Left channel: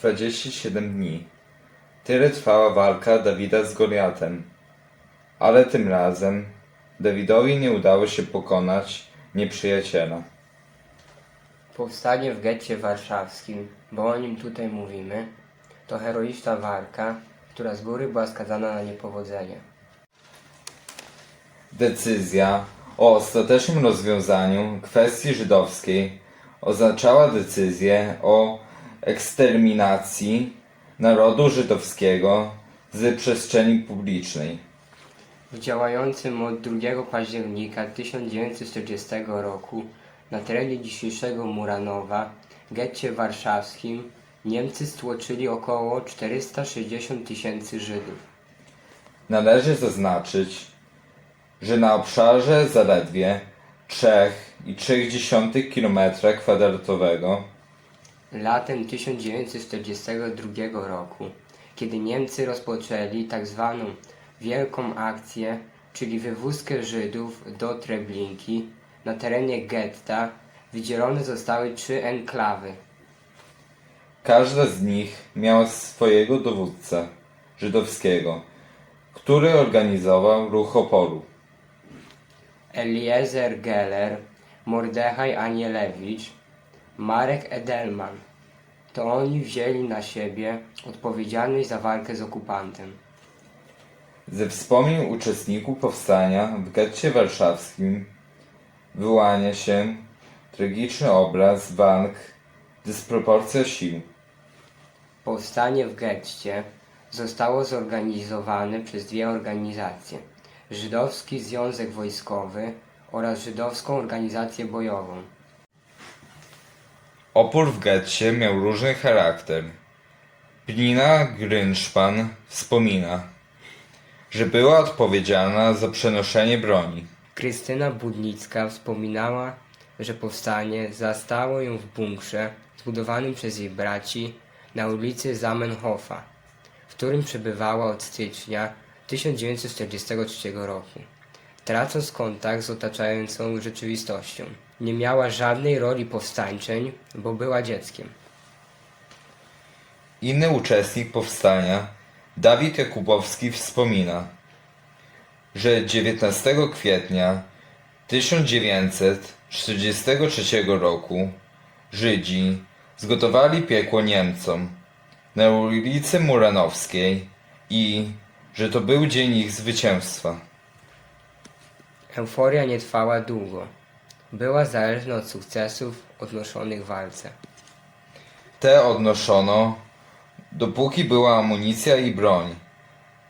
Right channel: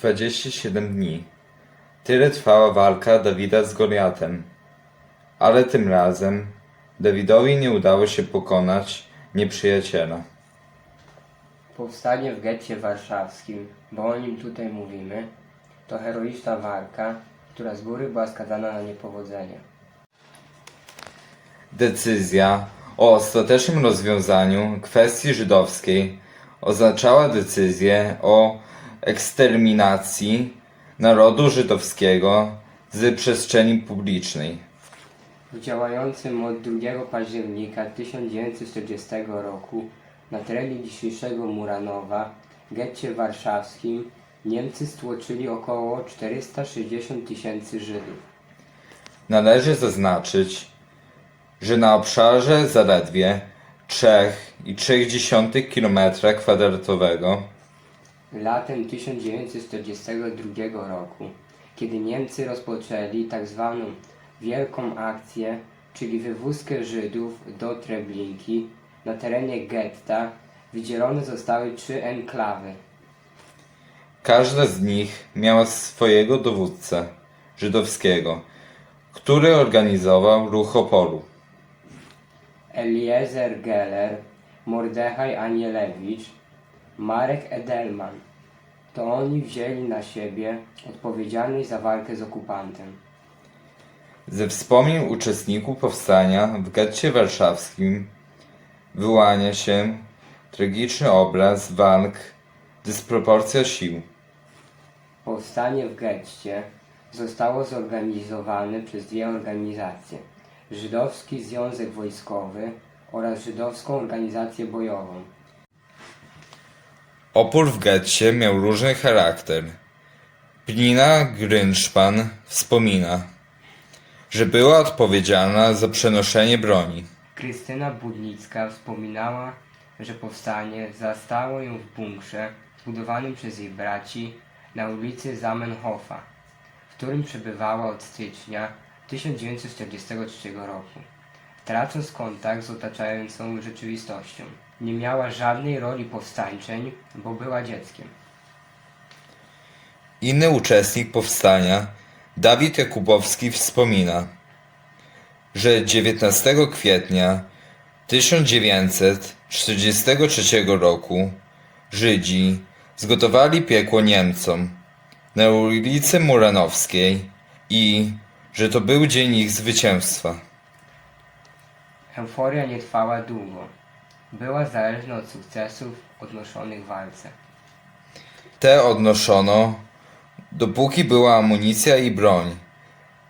27 dni. Tyle trwała walka Dawida z Goliatem. Ale tym razem Dawidowi nie udało się pokonać nieprzyjaciela. Powstanie w getcie warszawskim, bo o nim tutaj mówimy, to heroiczna walka, która z góry była skazana na niepowodzenie. Decyzja o ostatecznym rozwiązaniu kwestii żydowskiej oznaczała decyzję o eksterminacji narodu żydowskiego z przestrzeni publicznej. W działającym od 2 października 1940 roku na terenie dzisiejszego Muranowa, getcie warszawskim, Niemcy stłoczyli około 460 tysięcy Żydów. Należy zaznaczyć, że na obszarze zaledwie 3,3 km2 Latem 1942 roku, kiedy Niemcy rozpoczęli tak zwaną Wielką Akcję, czyli wywózkę Żydów do Treblinki, na terenie getta wydzielone zostały trzy enklawy. każda z nich miała swojego dowódcę żydowskiego, który organizował ruch oporu. Eliezer Geller, Mordechaj Anielewicz, Marek Edelman. To oni wzięli na siebie odpowiedzialność za walkę z okupantem. Ze wspomnień uczestników powstania w getcie warszawskim wyłania się tragiczny obraz walk, dysproporcja sił. Powstanie w getcie zostało zorganizowane przez dwie organizacje: Żydowski Związek Wojskowy oraz Żydowską Organizację Bojową. Opór w getcie miał różny charakter. Pnina Grynszpan wspomina, że była odpowiedzialna za przenoszenie broni. Krystyna Budnicka wspominała, że powstanie zastało ją w bunkrze zbudowanym przez jej braci na ulicy Zamenhofa, w którym przebywała od stycznia 1943 roku. Tracąc kontakt z otaczającą rzeczywistością, nie miała żadnej roli powstańczeń, bo była dzieckiem. Inny uczestnik powstania, Dawid Jakubowski wspomina, że 19 kwietnia 1943 roku Żydzi zgotowali piekło Niemcom na ulicy Muranowskiej i że to był dzień ich zwycięstwa. Euforia nie trwała długo. Była zależna od sukcesów odnoszonych w walce. Te odnoszono, dopóki była amunicja i broń,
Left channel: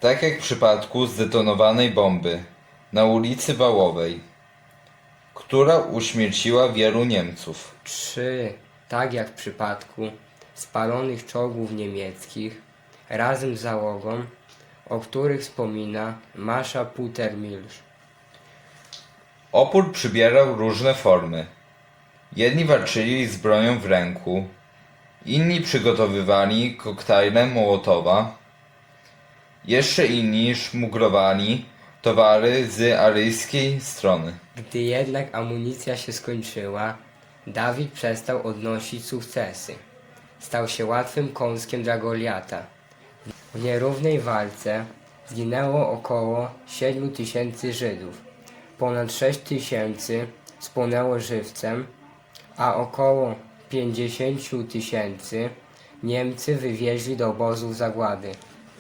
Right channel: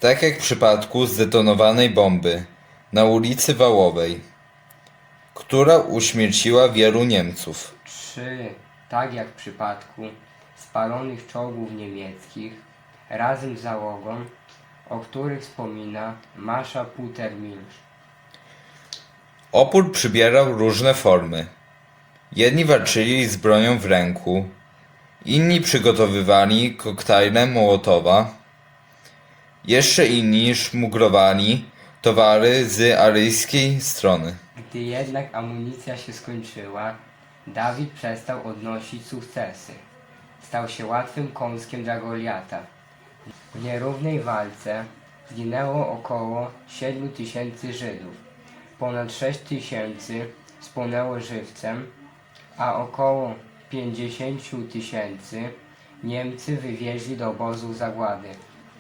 tak jak w przypadku zdetonowanej bomby na ulicy Wałowej, która uśmierciła wielu Niemców. Czy, tak jak w przypadku spalonych czołgów niemieckich, razem z załogą, o których wspomina Masza Putermilch. Opór przybierał różne formy. Jedni walczyli z bronią w ręku, inni przygotowywali koktajle Mołotowa, jeszcze inni szmuglowali towary z aryjskiej strony. Gdy jednak amunicja się skończyła, Dawid przestał odnosić sukcesy. Stał się łatwym kąskiem dla Goliata. W nierównej walce zginęło około 7 tysięcy Żydów. Ponad 6 tysięcy spłonęło żywcem, a około 50 tysięcy Niemcy wywieźli do obozów zagłady.